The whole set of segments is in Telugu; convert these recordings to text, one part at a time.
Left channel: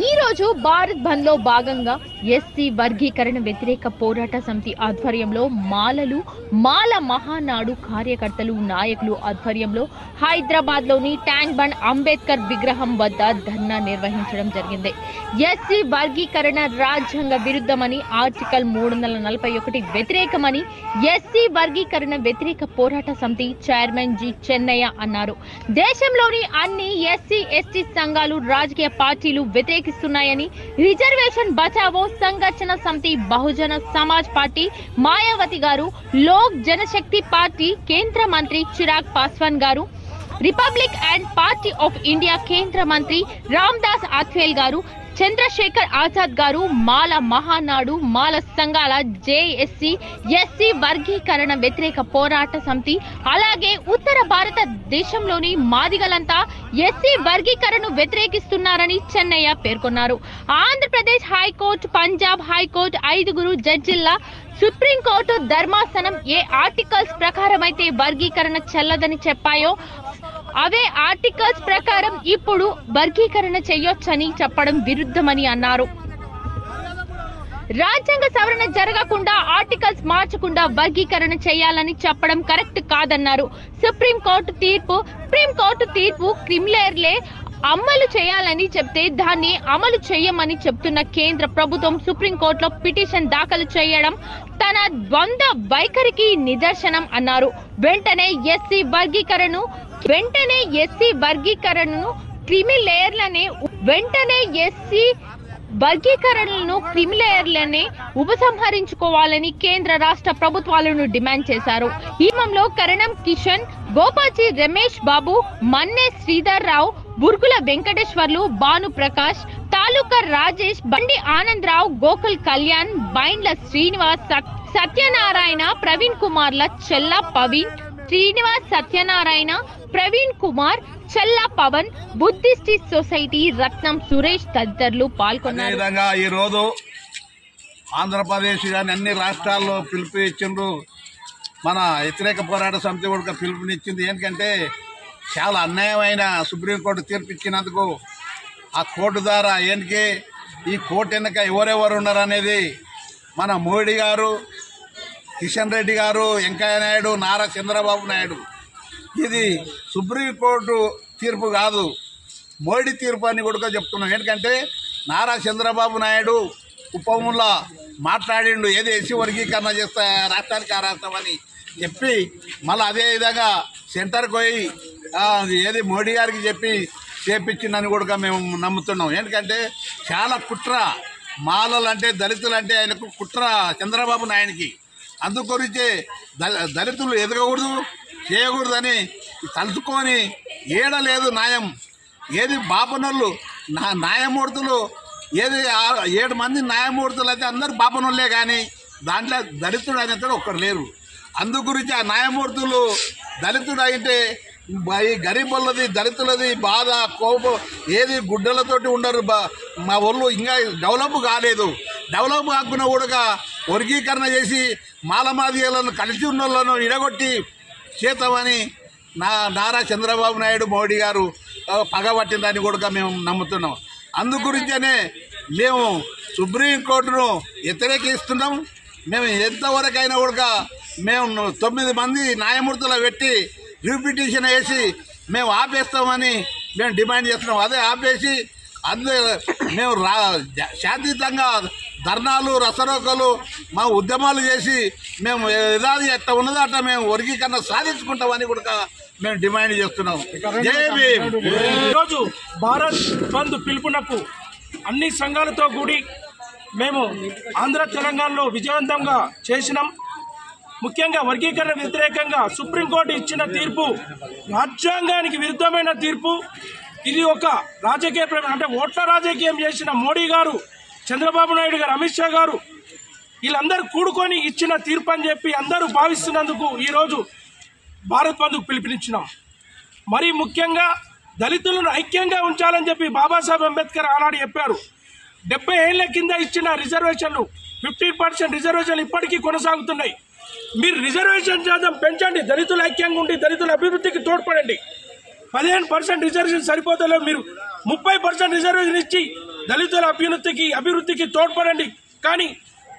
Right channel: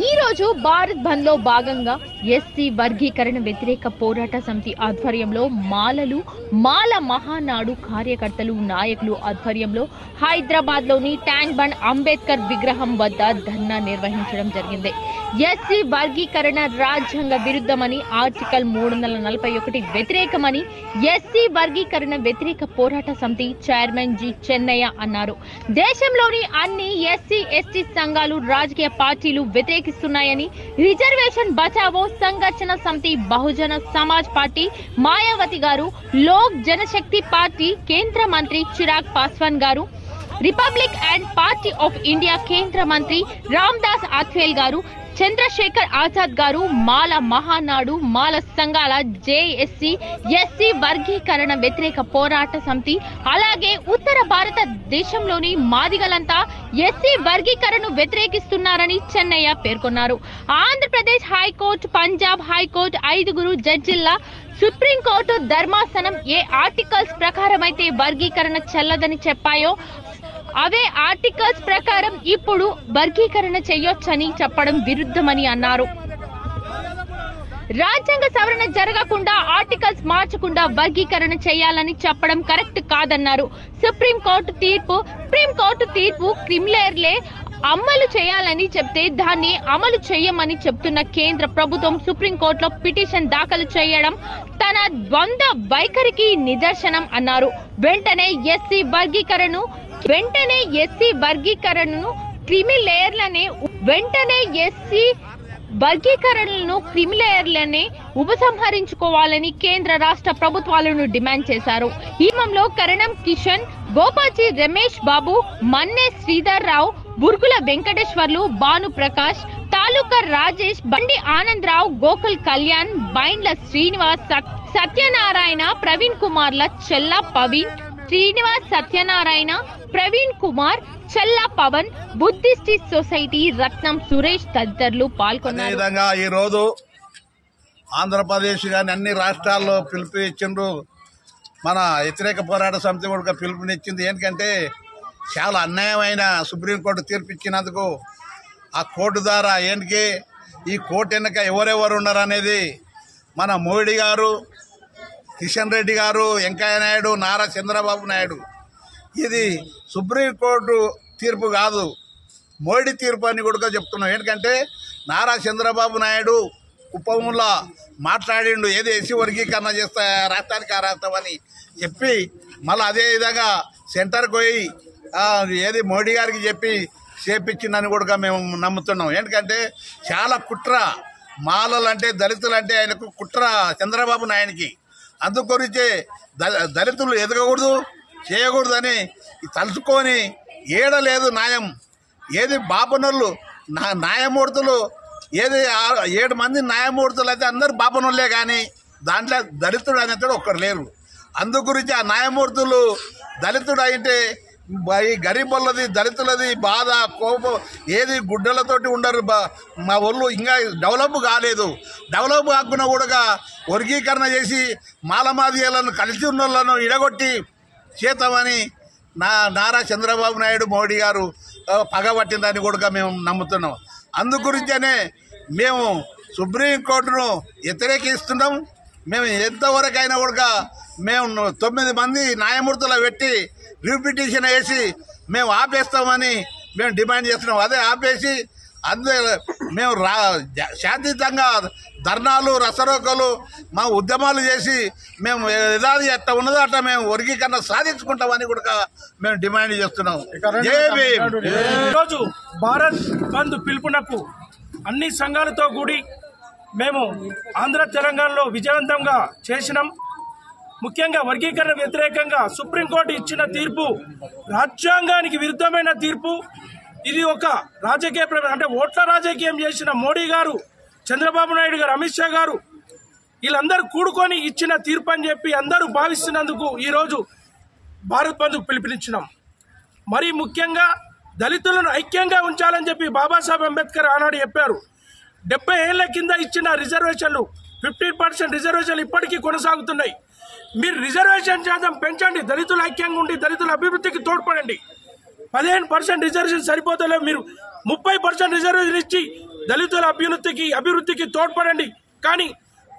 ఈ రోజు భారత్ బంద్ లో భాగంగా ఎస్సీ వర్గీకరణ వ్యతిరేక పోరాట సమితి ఆధ్వర్యంలో మాల మహానాడు కార్యకర్తలు నాయకులు ఆధ్వర్యంలో హైదరాబాద్ లోని ట్యాంక్ బండ్ అంబేద్కర్ విగ్రహం వద్ద ధర్నా నిర్వహించడం జరిగింది. ఎస్సీ వర్గీకరణ రాజ్యాంగ విరుద్ధమని, ఆర్టికల్ 341 వ్యతిరేకమని ఎస్సీ వర్గీకరణ వ్యతిరేక పోరాట సమితి చైర్మన్ జి చెన్నయ్య అన్నారు. దేశంలోని అన్ని ఎస్సీ ఎస్టీ సంఘాలు రాజకీయ పార్టీలు వ్యతిరేకిస్తున్నాయని, రిజర్వేషన్ బచావో సంఘర్షణ సమితి, బహుజన సమాజ్ పార్టీ మాయావతి గారు, లోక్ జనశక్తి పార్టీ కేంద్ర మంత్రి చిరాగ్ పాస్వాన్ గారు, republic and party of India కేంద్ర మంత్రి రామ్దాస్ అథ్వేల్ గారు, చంద్రశేఖర్ ఆజాద్ గారు, మాల మహానాడు, మాల సంఘాల జేఎస్సీ ఎస్సీ వర్గీకరణ వ్యతిరేక పోరాట సమితి, అలాగే ఉత్తర భారతదేశంలోని మాదిగలంతా ఎస్సీ వర్గీకరణను వ్యతిరేకిస్తున్నారని చెన్నయ్య పేర్కొన్నారు. ఆంధ్రప్రదేశ్ హైకోర్టు, పంజాబ్ హైకోర్టు 5 జడ్జిల సుప్రీంకోర్టు ధర్మాసనం ఏ ఆర్టికల్స్ ప్రకారం అయితే వర్గీకరణ చెల్లదని చెప్పాయో అవే ఆర్టికల్స్ ప్రకారం ఇప్పుడు వర్గీకరణ చేయొచ్చని చెప్పడం విరుద్ధమని అన్నారు. రాజ్యాంగ సవరణ జరగకుండా, ఆర్టికల్స్ మార్చకుండా వర్గీకరణ చేయాలని చెప్పడం కరెక్ట్ కాదన్నారు. సుప్రీంకోర్టు తీర్పు క్రిమినల్లే అమలు చేయాలని చెప్తే దాన్ని అమలు చేయమని చెప్తున్న కేంద్ర ప్రభుత్వం సుప్రీంకోర్టులో పిటిషన్ దాఖలు చేయడం తన ద్వంద్వ వైఖరికి నిదర్శనం అన్నారు. వెంటనే ఎస్సీ క్రిమినల్లనే ఉపసంహరించుకోవాలని కేంద్ర రాష్ట్ర ప్రభుత్వాలను డిమాండ్ చేశారు. ఈ క్రమంలో కరణం కిషన్, గోపాచి రమేష్ బాబు, మన్నే శ్రీధర్ రావు, బుర్గుల వెంకటేశ్వర్లు, భాను ప్రకాష్, తాలూకా రాజేష్, బండి ఆనందరావు, గోకుల్ కళ్యాణ్, బైండ్ల శ్రీనివాస్, సత్యనారాయణ, ప్రవీణ్ కుమార్ల చెల్ల పవన్, శ్రీనివాస్, సత్యనారాయణ, ప్రవీణ్ కుమార్, చెల్లా పవన్, బుద్ధిస్ట్ సొసైటీ రత్నం సురేష్ తదితరులు పాల్గొన్నారు. ఈ రోజు ఆంధ్రప్రదేశ్ కానీ అన్ని రాష్ట్రాల్లో పిలుపు ఇచ్చిండ్రు. మన వ్యతిరేక పోరాట సమితి కూడా పిలుపునిచ్చింది. ఎందుకంటే చాలా అన్యాయమైన సుప్రీంకోర్టు తీర్పు ఇచ్చినందుకు ఆ కోర్టు ద్వారా ఏంటికి ఈ కోర్టు వెనుక ఎవరెవరు ఉన్నారు అనేది మన మోడీ గారు, కిషన్ రెడ్డి గారు, వెంకయ్య నాయుడు, నారా చంద్రబాబు నాయుడు. ఇది సుప్రీంకోర్టు తీర్పు కాదు, మోడీ తీర్పు అని కూడా చెప్తున్నాం. ఎందుకంటే నారా చంద్రబాబు నాయుడు ఉపములా మాట్లాడిండు, ఏది ఎస్సీ వర్గీకరణ చేస్తా రాష్ట్రానికి ఆ రాష్ట్రం అని చెప్పి మళ్ళీ అదే విధంగా సెంటర్కి పోయి ఏది మోడీ గారికి చెప్పి చేపించిందని కూడా మేము నమ్ముతున్నాం. ఎందుకంటే చాలా కుట్ర, మాలలంటే దళితులంటే ఆయనకు కుట్ర చంద్రబాబు నాయుడికి. అందుకొరిచే దళితులు ఎదగకూడదు, చేయకూడదని తలుచుకొని ఏడలేదు న్యాయం. ఏది బాపనోళ్ళు న్యాయమూర్తులు, ఏది 7 మంది న్యాయమూర్తులు అయితే అందరు బాపనోళ్ళే, కానీ దాంట్లో దళితుడు అనేది ఒక్కరు లేరు. అందుగురించి ఆ న్యాయమూర్తులు దళితుడు అయితే ఈ గరీబులది దళితులది బాధ, కోపం, ఏది గుడ్డలతోటి ఉండరు. మా ఒళ్ళు ఇంకా డెవలప్ కాలేదు. డెవలప్ కాకుండా కూడా వర్గీకరణ చేసి మాలమాదిగలను కలిసి ఉన్న వాళ్ళను ఇడగొట్టి చేతమని నారా చంద్రబాబు నాయుడు మోడీ గారు పగబట్టిందని కూడా మేము నమ్ముతున్నాం. అందుగురించనే మేము సుప్రీంకోర్టును వ్యతిరేకిస్తున్నాం. మేము ఎంతవరకైనా కూడా మేము 9 మంది న్యాయమూర్తులు పెట్టి రిపిటిషన్ వేసి మేము ఆపేస్తామని మేము డిమాండ్ చేస్తున్నాం. అదే ఆపేసి మేము శాంతియుతంగా ధర్నాలు, రసరోకలు, మా ఉద్యమాలు చేసి మేము ఏదాది ఎట్లా ఉన్నదో అట్లా మేము వర్గీకరణ సాధించుకుంటామని కూడా మేము డిమాండ్ చేస్తున్నాం. ఈరోజు భారత్ బంద్ పిలుపునకు అన్ని సంఘాలతో కూడి మేము ఆంధ్ర తెలంగాణలో విజయవంతంగా చేసినాం. ముఖ్యంగా వర్గీకరణ వ్యతిరేకంగా సుప్రీంకోర్టు ఇచ్చిన తీర్పు రాజ్యాంగానికి విరుద్ధమైన తీర్పు. ఇది ఒక రాజకీయ అంటే ఓట్ల రాజకీయం చేసిన మోడీ గారు, చంద్రబాబు నాయుడు గారు, అమిత్ షా గారు వీళ్ళందరూ కూడుకొని ఇచ్చిన తీర్పు అని చెప్పి అందరూ భావిస్తున్నందుకు ఈరోజు భారత్ బంద్కు పిలుపునిచ్చినాం. మరీ ముఖ్యంగా దళితులను ఐక్యంగా ఉంచాలని చెప్పి బాబాసాహెబ్ అంబేద్కర్ ఆనాడు చెప్పారు. 70 ఏళ్ల కింద ఇచ్చిన రిజర్వేషన్లు 15% రిజర్వేషన్లు ఇప్పటికీ కొనసాగుతున్నాయి. మీరు రిజర్వేషన్ శాతం పెంచండి, దళితులు ఐక్యంగా ఉండి దళితుల అభివృద్ధికి తోడ్పడండి. 15% రిజర్వేషన్ సరిపోతలేవు, మీరు 30% రిజర్వేషన్ ఇచ్చి దళితుల అభివృద్ధికి తోడ్పడండి. కానీ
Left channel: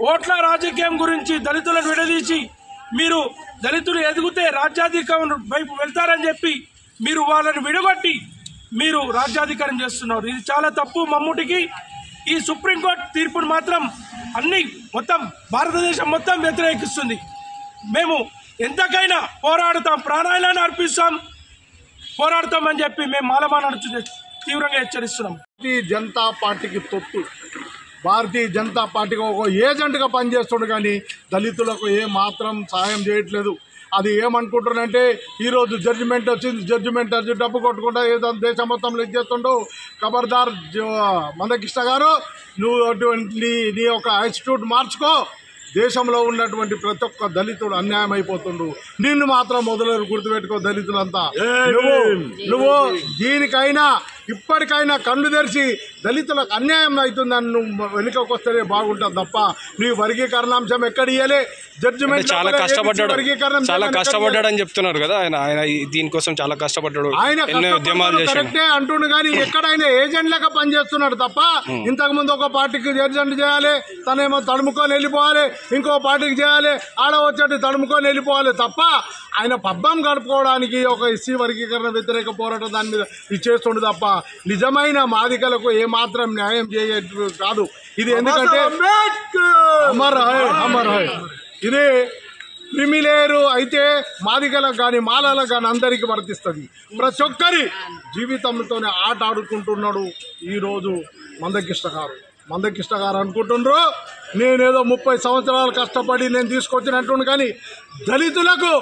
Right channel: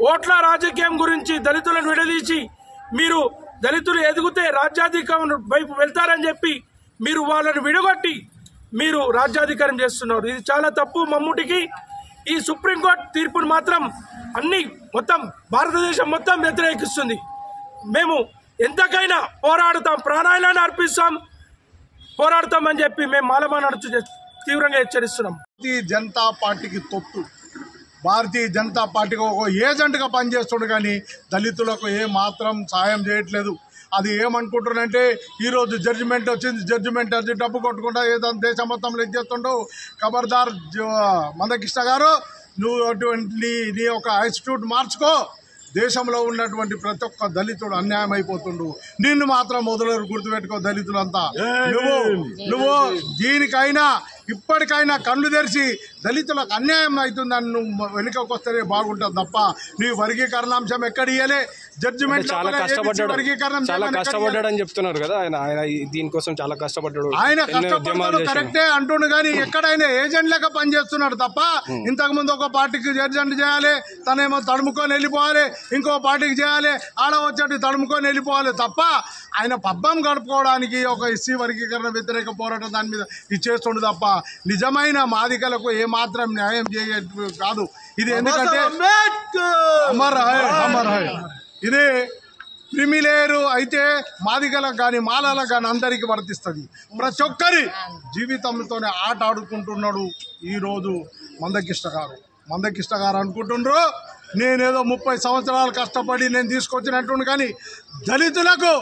ఓట్ల రాజకీయం గురించి దళితులను విడదీసి మీరు దళితులు ఎదిగితే రాజ్యాధికారం వైపు వెళ్తారని చెప్పి మీరు వాళ్ళని విడగొట్టి మీరు రాజ్యాధికారం చేస్తున్నారు. ఇది చాలా తప్పు. మమ్ముటికి ఈ సుప్రీంకోర్టు తీర్పును మాత్రం మొత్తం భారతదేశం మొత్తం వ్యతిరేకిస్తుంది. మేము ఎంతకైనా పోరాడుతాం, ప్రాణాలను పోరాడతామని చెప్పి మేము మాలమానాడు తీవ్రంగా హెచ్చరిస్తున్నాం. భారతీయ జనతా పార్టీకి తొత్తు, భారతీయ జనతా పార్టీకి ఒక ఏజెంట్గా పనిచేస్తుండు, కానీ దళితులకు ఏ మాత్రం సాయం చేయట్లేదు. అది ఏమనుకుంటున్నారంటే ఈరోజు జడ్జిమెంట్ వచ్చింది, జడ్జిమెంట్ వచ్చి డబ్బు కొట్టుకుంటా ఏదో దేశం మొత్తంలో ఇచ్చేస్తుండవు. ఖబర్దార్ మందకృష్ణ గారు, నువ్వు అటువంటి నీ యొక్క యాటిట్యూడ్ మార్చుకో. దేశంలో ఉన్నటువంటి ప్రతి ఒక్క దళితుడు అన్యాయం అయిపోతుండు. నిన్ను మాత్రం మొదలు గుర్తుపెట్టుకో దళితులంతా. నువ్వు దీనికైనా ఇప్పటికైనా కళ్ళు తెరిచి దళితులకు అన్యాయం అవుతుందని నువ్వు వెనుకకు వస్తేనే బాగుంటుంది తప్ప నీ వర్గీకరణాంశం ఎక్కడ ఇయ్యలే. జడ్జిమెంట్ చాలా కష్టపడ్డాడు అని చెప్తున్నారు కదా ఆయన దీనికోసం చాలా కష్టపడ్డాడు. ఆయన కరెక్టే అంటుండు, కానీ ఎక్కడైనా ఏజెంట్ లెక్క పనిచేస్తున్నాడు తప్ప ఇంతకు ముందు ఒక పార్టీకి ఏజెంట్ చేయాలి, తనేమో తడుముకొని వెళ్ళిపోవాలి, ఇంకో పార్టీకి చేయాలి, ఆడ వచ్చేట్టు తడుముకొని వెళ్ళిపోవాలి తప్ప ఆయన పబ్బం గడుపుకోవడానికి ఒక ఎస్సీ వర్గీకరణ వ్యతిరేక పోరాటం దాని మీద ఇది చేస్తుండు తప్ప నిజమైన మాదికలకు ఏమాత్రం న్యాయం చేయదు కాదు ఇది. ఎందుకంటే ఇది క్రిమిలేరు అయితే మాదిగలకు కానీ మాలలకు కానీ అందరికీ వర్తిస్తుంది. ప్రతి ఒక్కరి జీవితంతోనే ఆట ఆడుకుంటున్నాడు ఈరోజు మందకృష్ణ గారు అనుకుంటుండ్రు నేనేదో 30 సంవత్సరాలు కష్టపడి నేను తీసుకొచ్చినట్టు, కానీ దళితులకు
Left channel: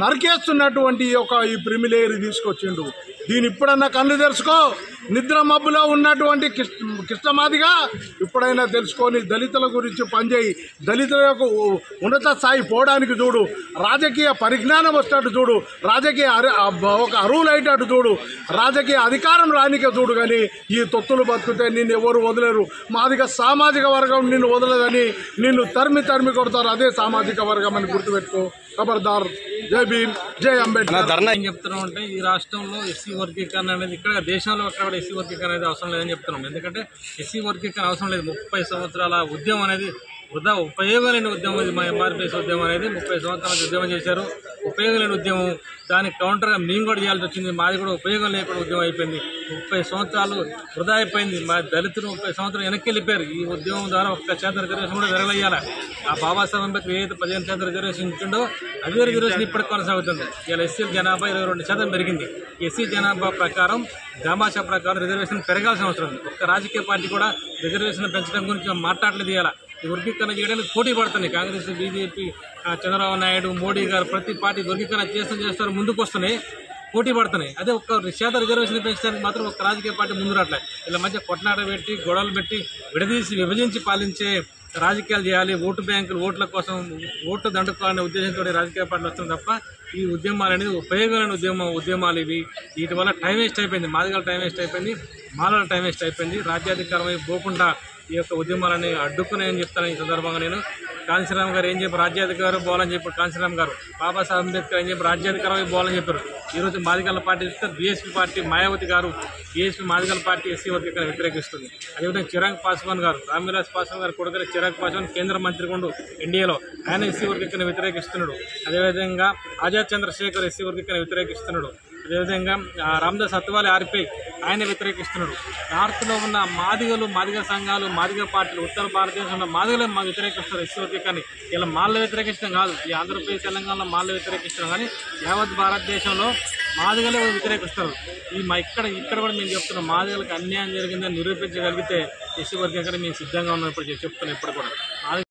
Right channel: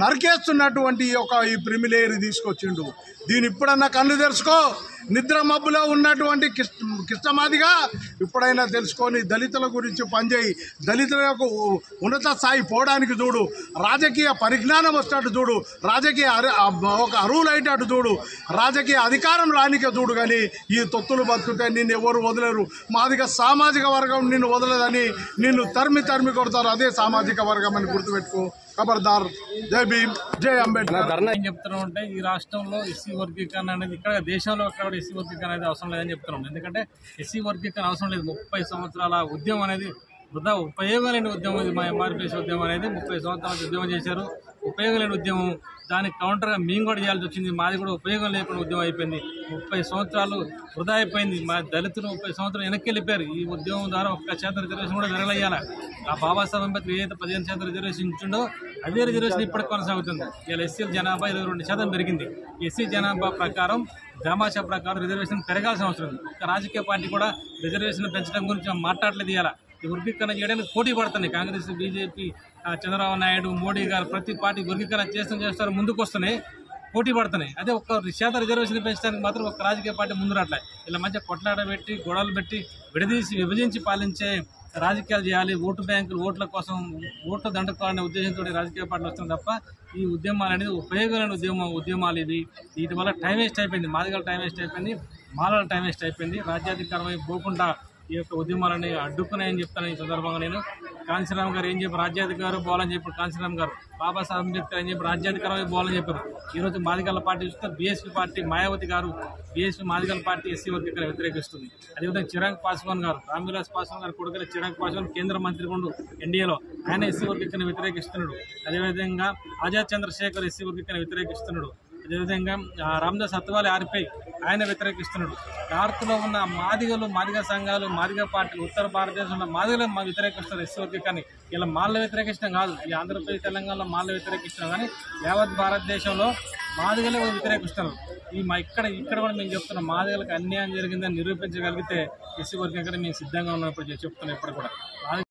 నరికేస్తున్నటువంటి ఈ ప్రిమిలేరు తీసుకొచ్చిండు. దీని ఇప్పుడన్నా కళ్ళు తెరుచుకో. నిద్ర మబ్బులో ఉన్నటువంటి కృష్ణమాదిగా ఇప్పుడైనా తెలుసుకొని దళితుల గురించి పనిచేయి. దళితులకు ఉన్నత స్థాయి పోవడానికి చూడు, రాజకీయ పరిజ్ఞానం వచ్చేటట్టు చూడు, రాజకీయ ఒక అరువులు అయ్యేటట్టు చూడు, రాజకీయ అధికారం రానికే చూడు. కానీ ఈ తొత్తులు బతుకుతే నిన్ను ఎవరు వదలరు. మాదిగా సామాజిక వర్గం నిన్ను వదలదని నిన్ను తరిమి కొడతారు. అదే సామాజిక వర్గం అని గుర్తుపెట్టుకో. ఖబర్దార్. జై భీమ్, జై అంబేద్కర్. ఏం చెప్తున్నాం అంటే ఈ రాష్ట్రంలో ఎస్సీ వర్గీకరణ అనేది ఇక్కడ దేశంలో ఎక్కడ ఎస్సీ వర్గీకరణ అనేది అవసరం లేదని చెప్తున్నాం. ఎందుకంటే ఎస్సీ వర్గీకరణ అవసరం లేదు. 30 సంవత్సరాల ఉద్యమం అనేది వృధా, ఉపయోగం లేని ఉద్యమం ఇది. మా ఎంఆర్పీఎస్ ఉద్యమం అనేది 30 సంవత్సరాల ఉద్యమం చేశారు. ఉపయోగం లేని ఉద్యమం. దానికి కౌంటర్గా మేము కూడా చేయాల్సి వచ్చింది. మాది కూడా ఉపయోగం లేకుండా ఉద్యమం అయిపోయింది. 30 సంవత్సరాలు వృధా అయిపోయింది. మా దళితులు 30 సంవత్సరాలు వెనక్కి వెళ్ళిపోయారు. ఈ ఉద్యమం ద్వారా 1% రిజర్వేషన్ కూడా విరగలయ్యాలి. ఆ బాబాసాహెబ్ అంబేద్కర్ ఏదైతే 15% రిజర్వేషన్ ఇచ్చిండో అదే రిజర్వేషన్ ఇప్పటికి కొనసాగుతుంది. ఇలా ఎస్సీ జనాభా 22% పెరిగింది. ఎస్సీ జనాభా ప్రకారం దామాషా ప్రకారం రిజర్వేషన్ పెరగాల్సిన అవసరం ఉంది. ఒక్క రాజకీయ పార్టీ కూడా రిజర్వేషన్ పెంచడం గురించి మాట్లాడలేదు. ఇలా ఈ వర్గీకరణ చేయడానికి పోటీ పడుతున్నాయి. కాంగ్రెస్, బీజేపీ, చంద్రబాబు నాయుడు, మోడీ గారు ప్రతి పార్టీ వర్గీకరణ చేస్తారు ముందుకు వస్తున్నాయి, పోటీ పడుతున్నాయి. అదే 1% రిజర్వేషన్ పెంచడానికి మాత్రం ఒక రాజకీయ పార్టీ ముందు రావట్లేదు. ఇలా మధ్య కొట్లాట పెట్టి గొడవలు పెట్టి విభజించి పాలించే రాజకీయాలు చేయాలి. ఓటు బ్యాంకులు ఓట్ల కోసం ఓట్లు దండుకోవాలనే ఉద్దేశంతో రాజకీయ పార్టీలు వస్తుంది తప్ప ఈ ఉద్యమాలు అనేది ఉపయోగమైన ఉద్యమాలు ఇవి. వీటి వల్ల టైం వేస్ట్ అయిపోయింది. మాదిగల టైం వేస్ట్ అయిపోయింది, మాలల టైం వేస్ట్ అయిపోయింది. రాజ్యాధికారం వైపు పోకుండా ఈ యొక్క ఉద్యమాలని అడ్డుకున్నాయని చెప్తాను. ఈ సందర్భంగా నేను కాంశీరామ్ గారు ఏం చెప్పి రాజ్యాధికారం పోవాలని చెప్పారు. కాంశీరామ్ గారు బాబాసాహెబ్ అంబేద్కర్ ఏం చెప్పి రాజ్యాధికారం వైపు పోవాలని చెప్పారు. ఈరోజు మాదిగల పార్టీ చూస్తే బీఎస్పీ పార్టీ మాయావతి గారు బీఎస్పీ మాదిగల పార్టీ ఎస్సీ వర్గీకరణ వ్యతిరేకిస్తుంది. అదేవిధంగా చిరాగ్ పాస్వాన్ గారు, రామ్విలాస్ పాస్వాన్ గారు కొడుకు చిరాగ్ పాస్వాన్ కేంద్ర మంత్రి కొండు ఎన్డీఏలో ఆయన ఎస్సీ వర్గీకరణ వ్యతిరేకిస్తున్నాడు. అదేవిధంగా ఆజాద్ చంద్రశేఖర్ ఎస్సీ వర్గీకరణ వ్యతిరేకిస్తున్నాడు. అదేవిధంగా రామదాస్ అత్వాలే ఆర్పై ఆయన వ్యతిరేకిస్తున్నాడు. నార్త్లో ఉన్న మాదిగ సంఘాలు, మాదిగ పార్టీలు, ఉత్తర భారతదేశంలో మాదిగలు వ్యతిరేకిస్తారు ఎస్సీ వర్గీకరణ. ఇలా మాల్లో వ్యతిరేకించడం కాదు, ఈ ఆంధ్రప్రదేశ్ తెలంగాణలో మాల్లో వ్యతిరేకిస్తున్నాం, కానీ యావత్ భారతదేశంలో మాదిగలే వ్యతిరేకిస్తారు. ఇక్కడ కూడా మేము చెప్తున్నాం, మాదిగలకు అన్యాయం జరిగిందని నిరూపించగలిగితే ఎస్సీ వర్గీకరణ మేము సిద్ధంగా ఉన్నాం. ఇప్పుడు చెప్తున్నాం. ఇప్పుడు కూడా